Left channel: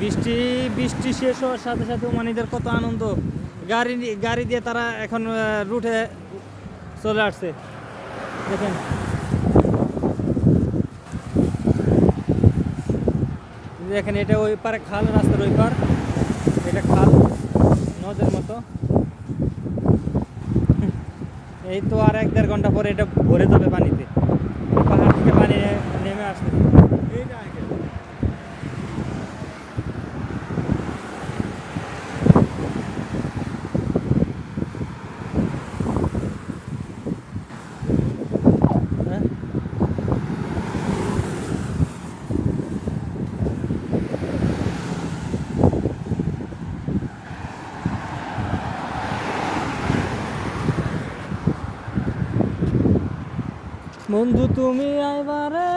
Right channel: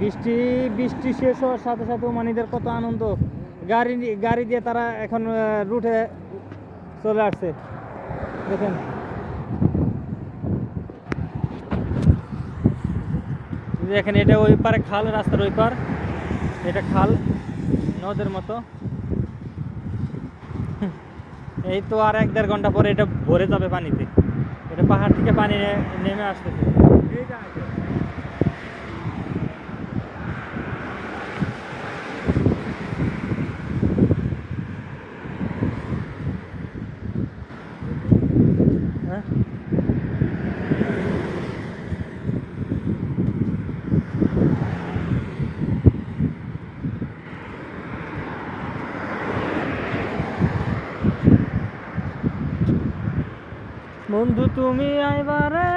বৃষ্টি বৃষ্টি শেষ হওয়ার সাথে সাথে ওমানিদের কত আনন্দ। গাড়ি গাড়ি দিয়ে তারা এখন রুটে চলে আসছে। দেখেন। দেখেন, এটা ওই পারে খাল, রাস্তার ওই পার। এটা খাল, নদের মতো। এই তো আর এক দেড় ঘণ্টা পরে এটা ভরে যাবে পানিতে। পাহাড় থেকে পানি নেমে আসছে বন্ধু তুমি আইবারে